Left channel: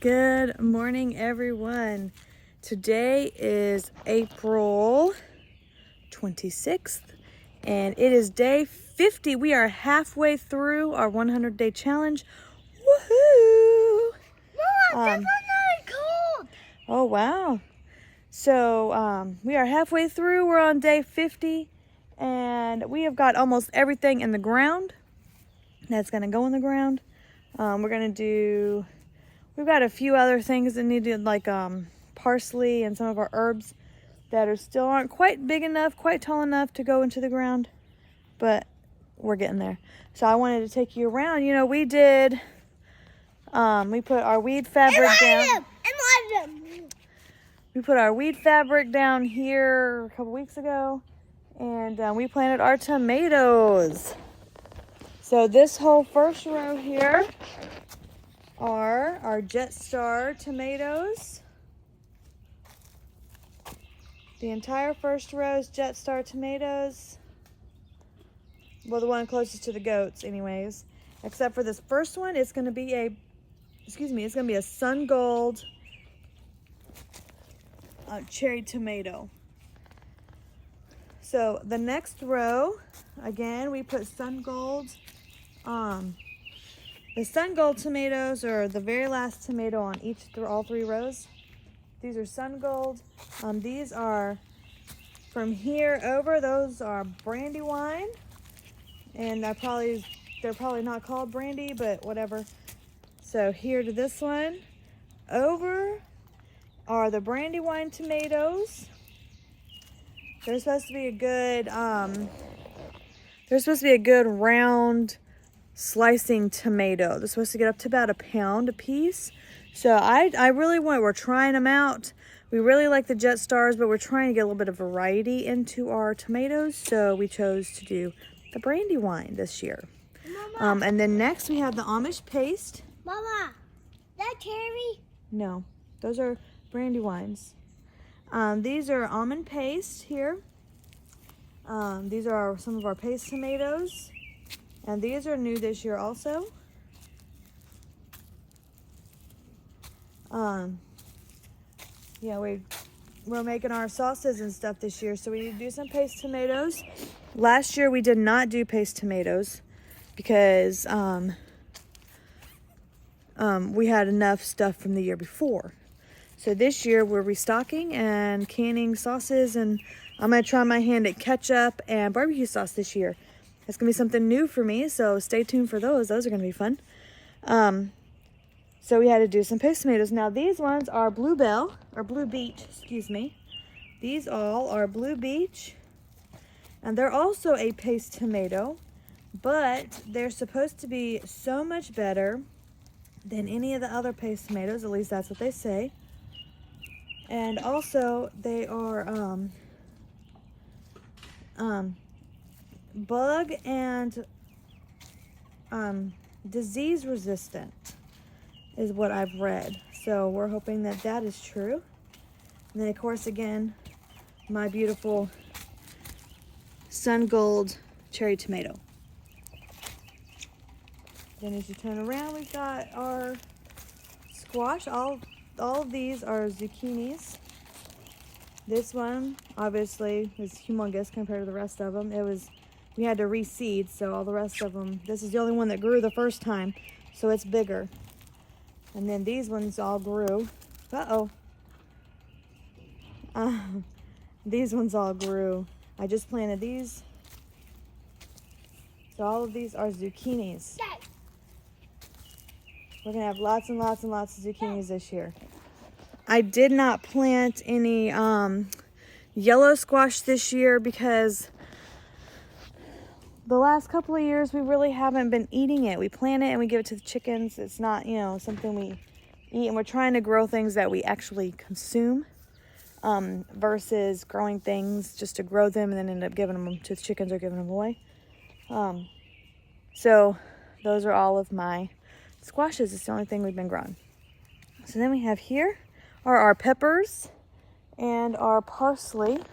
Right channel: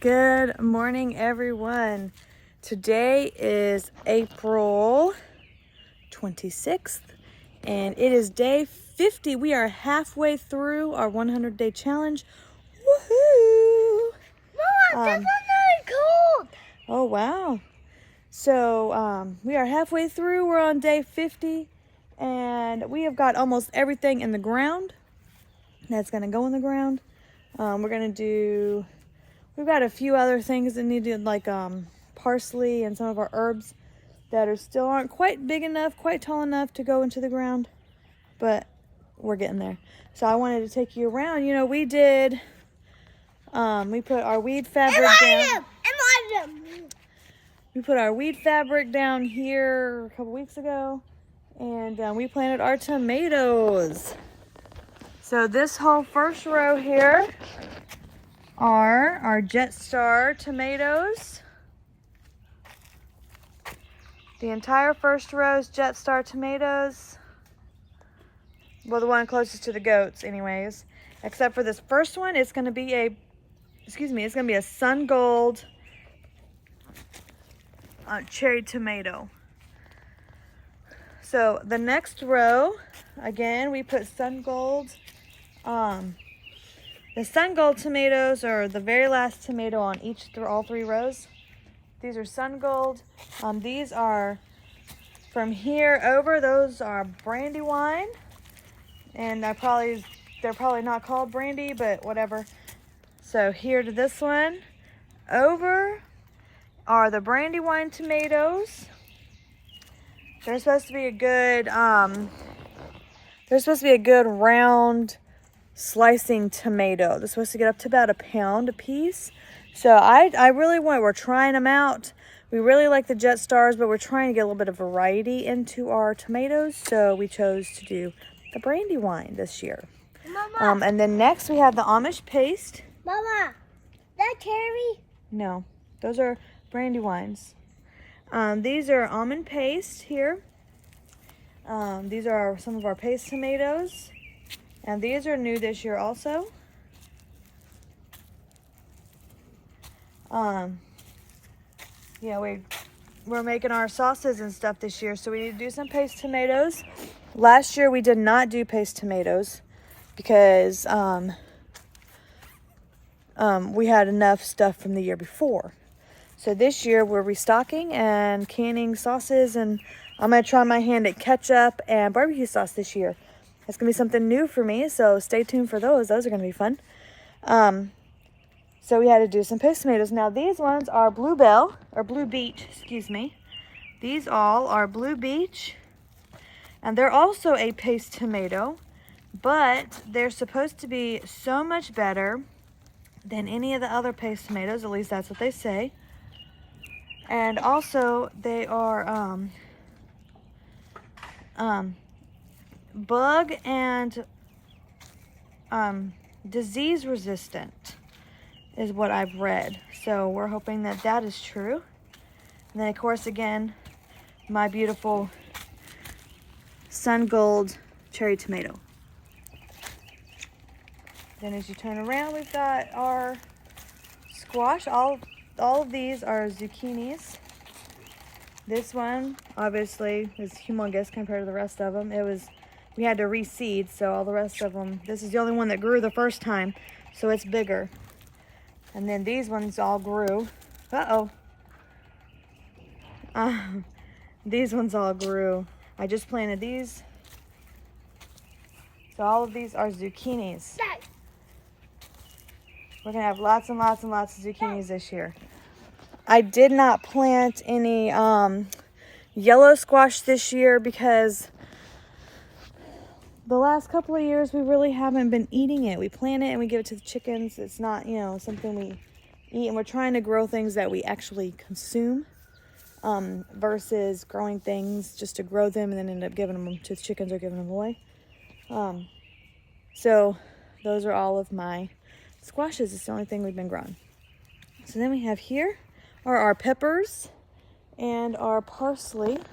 Good morning, everyone. Today is April 26th, and it is day 50. We are halfway through our 100-day challenge. Woohoo! Mama, this one's cold. Oh, wow. So we are halfway through. We're on day 50, and we have got almost everything in the ground that's going to go in the ground. We've got a few other things that need to, like parsley and some of our herbs that still aren't quite big enough, quite tall enough to go into the ground, but we're getting there. So I wanted to take you around. You know, we did, we put our weed fabric down. We put our weed fabric down here a couple weeks ago, and we planted our tomatoes. So this whole first row here are our Jet Star tomatoes. The entire first row is Jet Star tomatoes. Well, the one closest to the goats anyways. Except for this first one, it's gonna be a Sun Gold cherry tomato. So the next row, again, we put Sun Gold. The Sun Gold tomatoes are the very last tomato on all three rows. These are Sun Gold. These are from here over. Those are Brandywine, and they're probably not called brandy, but whatever. So here to this one over are the Brandywine tomatoes. They're supposed to be a good round slicing tomato. They're supposed to get up to about £1 a piece. So we're trying them out. We really like the Jet Stars, but we're trying to get a little bit of variety into our tomatoes. So we chose to do the Brandywine this year. Mama. And then next we have the Amish paste. Mama, that cherry? No, those are Brandywines. These are almond paste here. These are some of our paste tomatoes. And these are new this year also. Yeah, we're making our sauces and stuff this year, so we need to do some paste tomatoes. Last year we did not do paste tomatoes because we had enough stuff from the year before. So this year we're restocking and canning sauces, and I'm gonna try my hand at ketchup and barbecue sauce this year. It's gonna be something new for me, so stay tuned for those. Those are gonna be fun. So we had to do some paste tomatoes. Now these ones are Blue Beach, excuse me. These all are Blue Beach, and they're also a paste tomato, but they're supposed to be so much better than any of the other paste tomatoes, at least that's what they say. And also they are bug and disease resistant is what I've read. So we're hoping that that is true. And then of course, again, my beautiful Sun Gold cherry tomato. Then as you turn around, we've got our squash. All of these are zucchinis. This one obviously is humongous compared to the rest of them. We had to reseed, so all the rest of them, this is the only one that grew the first time, so it's bigger. And then these ones all grew. These ones all grew. I just planted these. So all of these are zucchinis. We're gonna have lots and lots and lots of zucchinis this year. I did not plant any yellow squash this year because the last couple of years we really haven't been eating it. We plant it and we give it to the chickens. It's not, something we eat, and we're trying to grow things that we actually consume versus growing things just to grow them and then end up giving them to the chickens or giving them away. So those are all of my squashes. It's the only thing we've been growing. So then we have here are our peppers and our parsley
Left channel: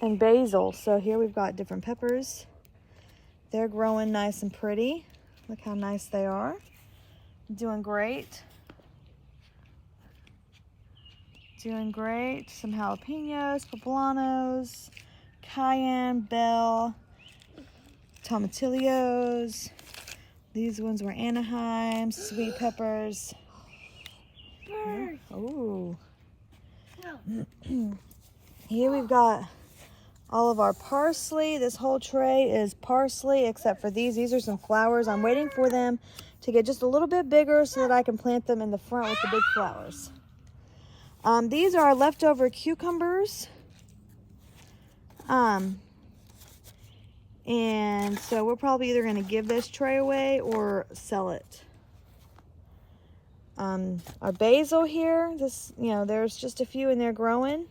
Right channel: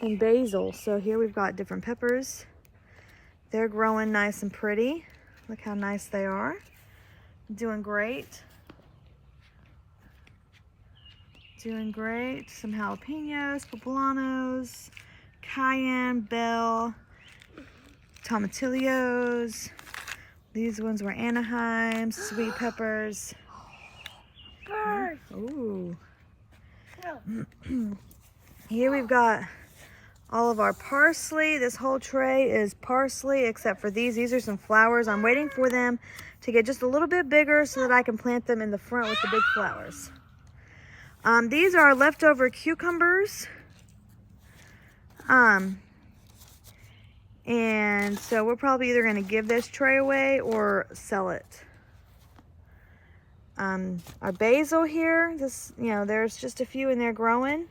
and basil. So here we've got different peppers. They're growing nice and pretty. Look how nice they are. Doing great. doing great. Some jalapenos, poblanos, cayenne, bell, tomatillos. These ones were Anaheim, sweet peppers. Bird. Ooh. No. Here we've got all of our parsley. This whole tray is parsley except for these. These are some flowers. I'm waiting for them to get just a little bit bigger so that I can plant them in the front with the big flowers. These are leftover cucumbers. And so we're probably either going to give this tray away or sell it. Our basil here, there's just a few in there growing.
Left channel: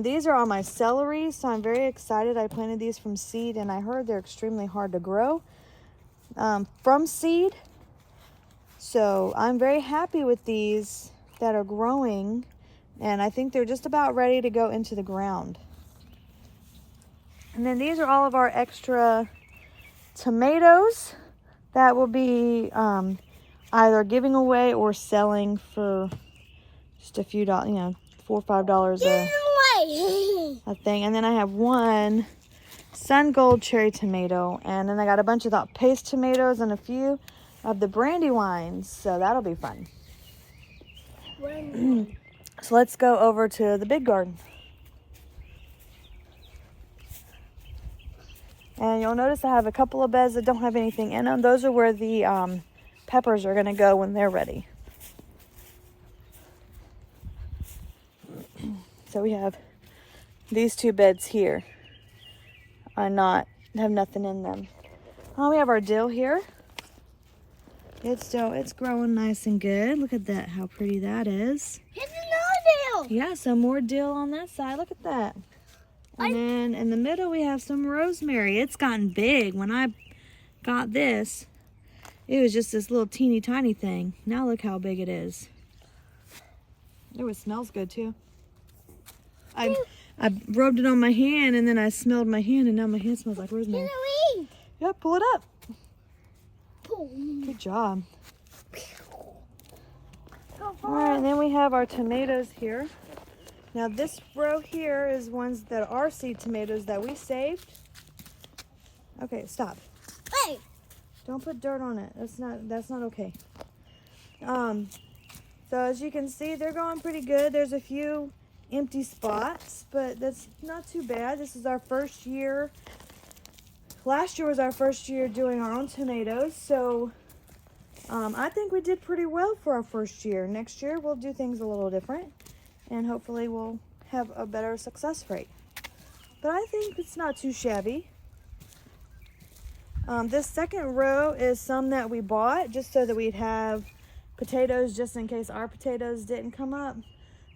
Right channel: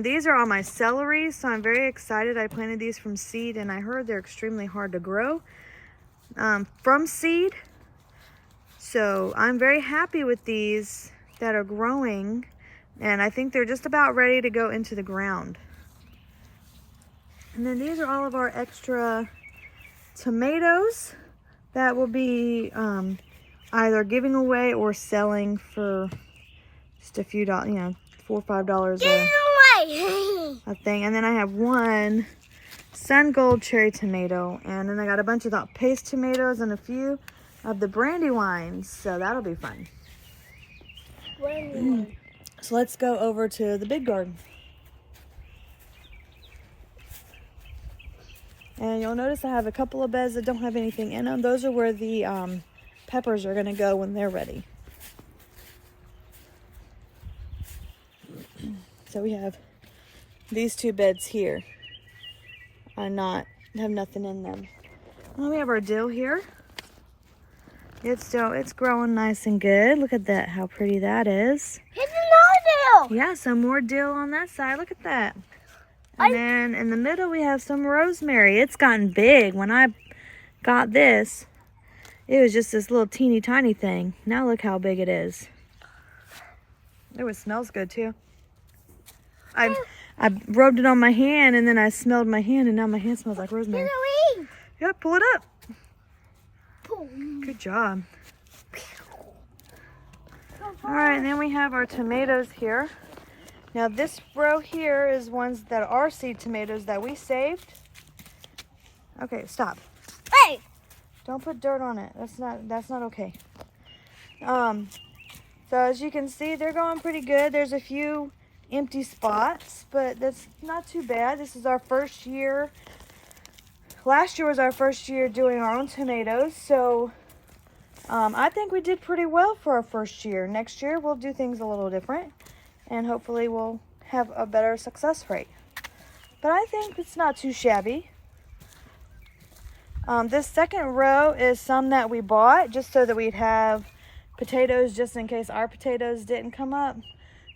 These are all my celery, so I'm very excited. I planted these from seed, and I heard they're extremely hard to grow from seed. So I'm very happy with these that are growing, and I think they're just about ready to go into the ground. And then these are all of our extra tomatoes that will be either giving away or selling for just a few dollars, $4 or $5 a thing. And then I have one sun gold cherry tomato, and then I got a bunch of that paste tomatoes and a few of the brandywines, so that'll be fun. So let's go over to the big garden. And you'll notice I have a couple of beds that don't have anything in them. Those are where the peppers are going to go when they're ready. So we have these two beds here have nothing in them. Oh, we have our dill here. It's growing nice and good. Look at that, how pretty that is. Here's another dill. Yeah, some more dill on that side. Look at that. And then in the middle we have some rosemary. It's gotten big. When I got this, it was just this little teeny tiny thing. Now look how big it is. It smells good too. I rubbed it on my hand, and then I smelled my hand, and now my hand smells like rosemary. Yep, pull it up. Good job. All right, and then we have our tomatoes here. Now this row here is ones that are seed tomatoes that we saved. Okay, stop. Hey! Don't put dirt on it. That's not okay. So as you can see, they're going pretty good. There's a few empty spots, but that's not too bad. This is our first year. Last year was our first year doing our own tomatoes, so I think we did pretty well for our first year. Next year we'll do things a little different, and hopefully we'll have a better success rate. But I think it's not too shabby. This second row is some that we bought just so that we'd have potatoes just in case our potatoes didn't come up.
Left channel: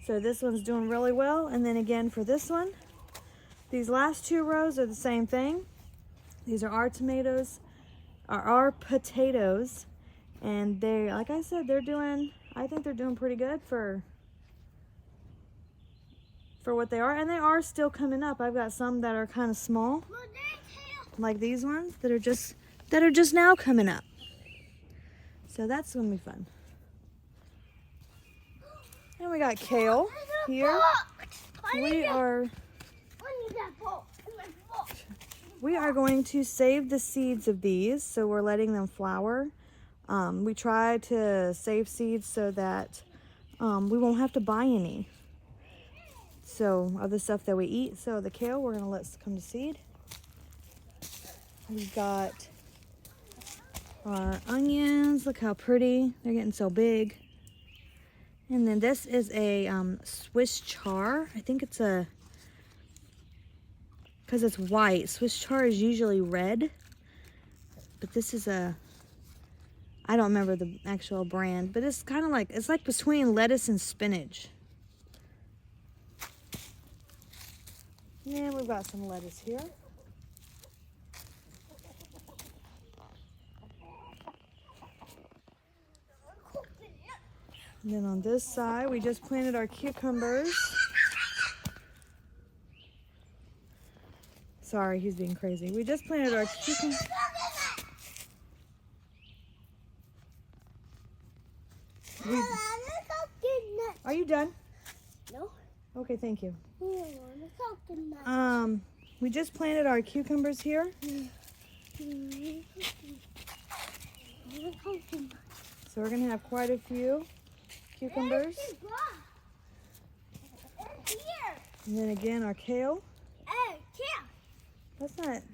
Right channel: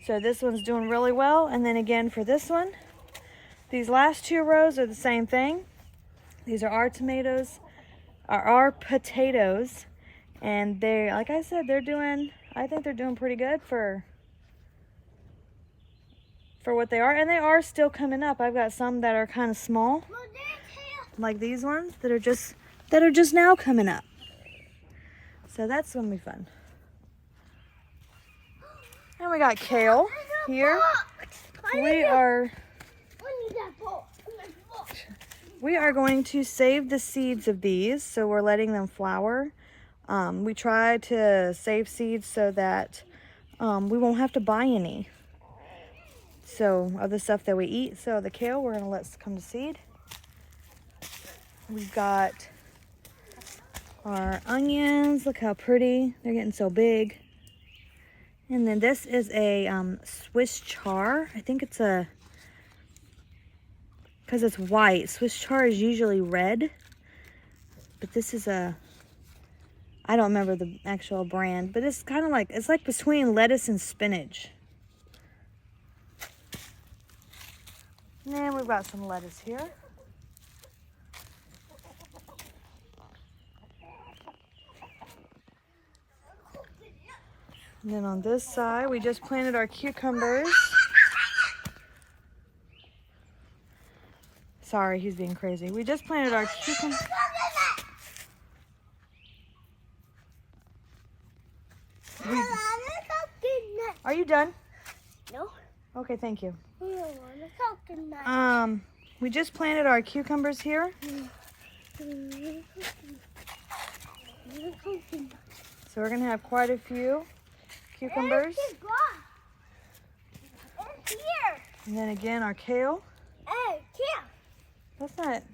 So this one's doing really well. And then again for this one, these last two rows are the same thing. These are our tomatoes, our potatoes, and they, like I said, I think they're doing pretty good for what they are, and they are still coming up. I've got some that are kind of small, like these ones that are just now coming up. So that's gonna be fun. And we got kale here. We are going to save the seeds of these, so we're letting them flower. We try to save seeds so that we won't have to buy any. So of the stuff that we eat. So the kale we're gonna let come to seed. We've got our onions. Look how pretty. They're getting so big. And then this is a Swiss char. I think it's because it's white. Swiss char is usually red. But this is I don't remember the actual brand, but it's kind of like, it's like between lettuce and spinach. And we've got some lettuce here. And then on this side, we just planted our cucumbers. Sorry, he's being crazy. We just planted our cucumbers. Are you done? No. Okay, thank you. We don't want a coconut. We just planted our cucumbers here. So we're gonna have quite a few cucumbers. Here. And then again our kale. Hey, kale.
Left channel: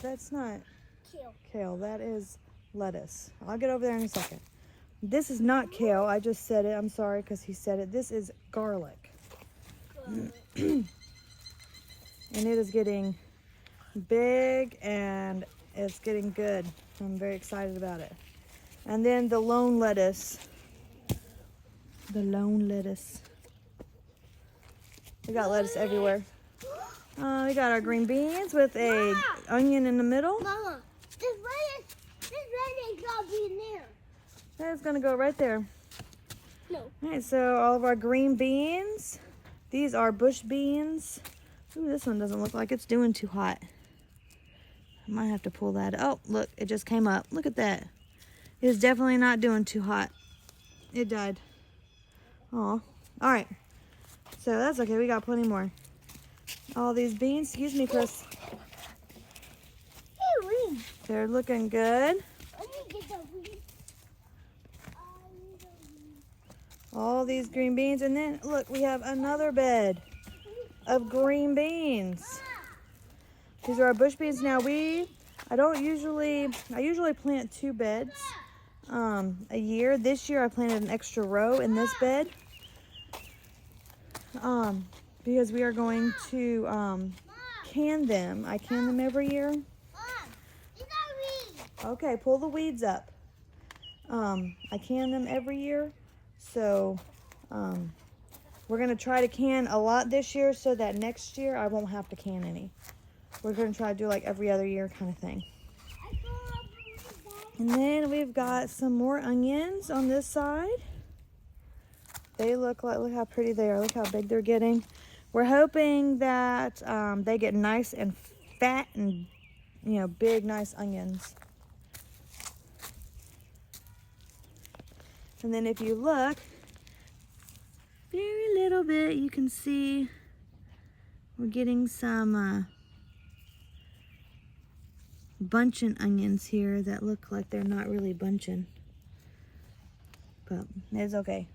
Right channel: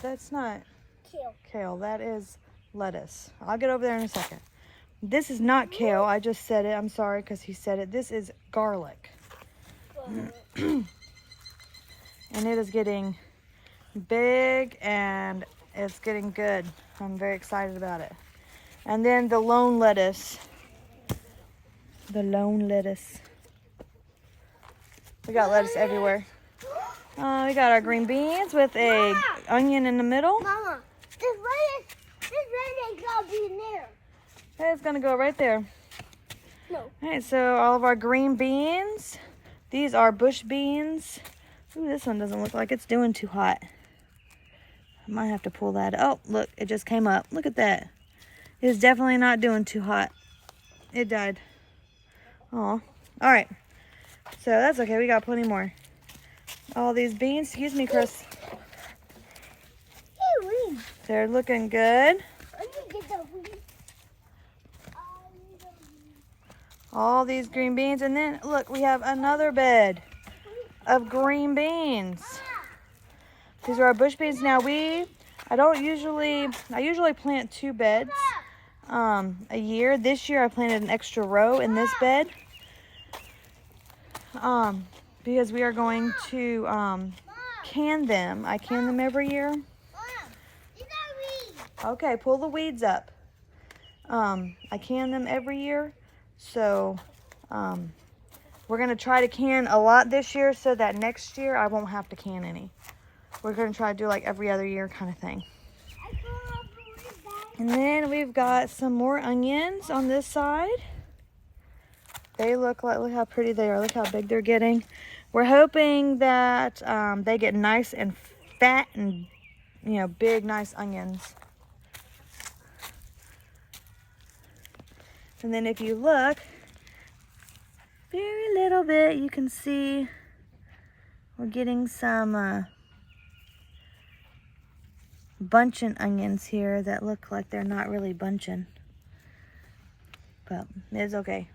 That's not Kale. kale, that is lettuce. I'll get over there in a second. This is not kale, I just said it. I'm sorry because he said it. This is garlic. And it is getting big and it's getting good. I'm very excited about it. And then the lone lettuce. The lone lettuce. We got lettuce everywhere. We got our green beans with a onion in the middle. Mama, this red ain't gonna be in there. It's gonna go right there. No. All right, so all of our green beans. These are bush beans. Ooh, this one doesn't look like it's doing too hot. I might have to pull that. Oh, look, it just came up. Look at that. It is definitely not doing too hot. It died. Oh, all right. So that's okay. We got plenty more. All these beans. Excuse me, Chris. Hey, weed. They're looking good. I need to get the weed. All these green beans. And then, look, we have another bed of green beans. These are our bush beans. Now, I usually plant 2 beds a year. This year, I planted an extra row in this bed. Because we are going to can them. I can them every year. Okay, pull the weeds up. I can them every year. So we're going to try to can a lot this year so that next year I won't have to can any. We're going to try to do like every other year kind of thing. And then we've got some more onions on this side. They look how pretty they are. Look how big they're getting. We're hoping that they get nice and fat and, you know, big, nice onions. And then if you look, very little bit, you can see we're getting some bunching onions here that look like they're not really bunching. But it's okay.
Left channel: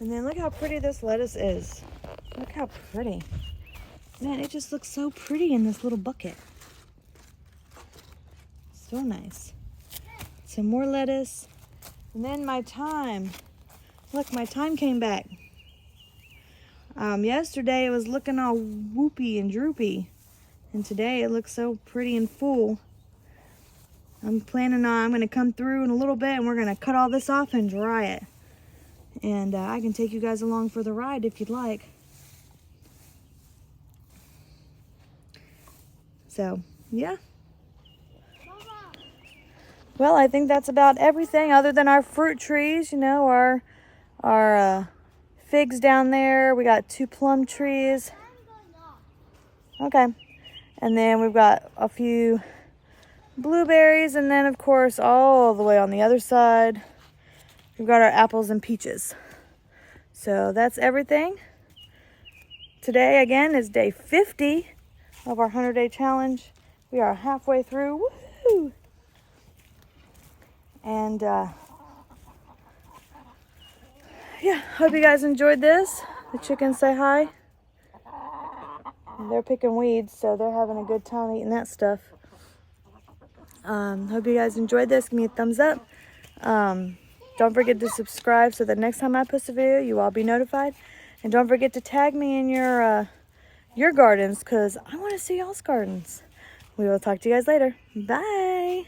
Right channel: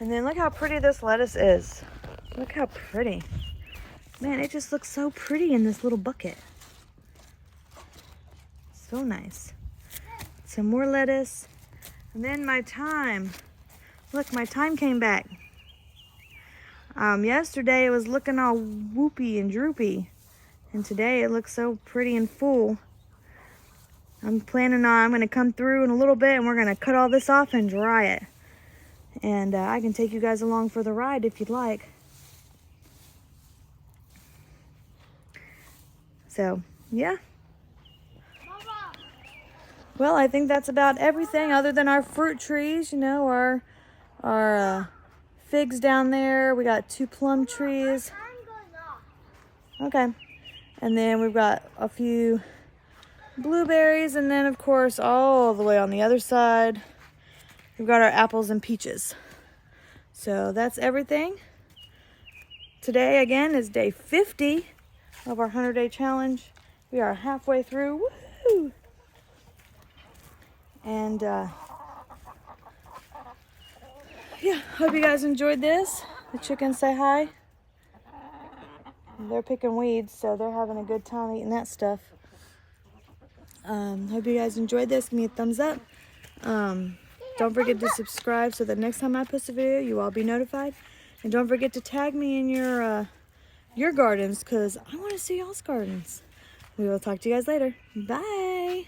And then look how pretty this lettuce is. Look how pretty. Man, it just looks so pretty in this little bucket. So nice. Some more lettuce. And then my thyme. Look, my thyme came back. Yesterday it was looking all whoopy and droopy. And today it looks so pretty and full. I'm going to come through in a little bit and we're going to cut all this off and dry it. And I can take you guys along for the ride if you'd like. So, yeah. Well, I think that's about everything other than our fruit trees. You know, our figs down there. We got 2 plum trees. Okay. And then we've got a few blueberries. And then, of course, all the way on the other side, we've got our apples and peaches. So that's everything. Today, again, is day 50 of our 100-day challenge. We are halfway through. Woo! And, yeah, hope you guys enjoyed this. The chickens say hi. They're picking weeds, so they're having a good time eating that stuff. Hope you guys enjoyed this. Give me a thumbs up. Don't forget to subscribe so that next time I post a video, you all be notified. And don't forget to tag me in your gardens, because I want to see y'all's gardens. We will talk to you guys later. Bye.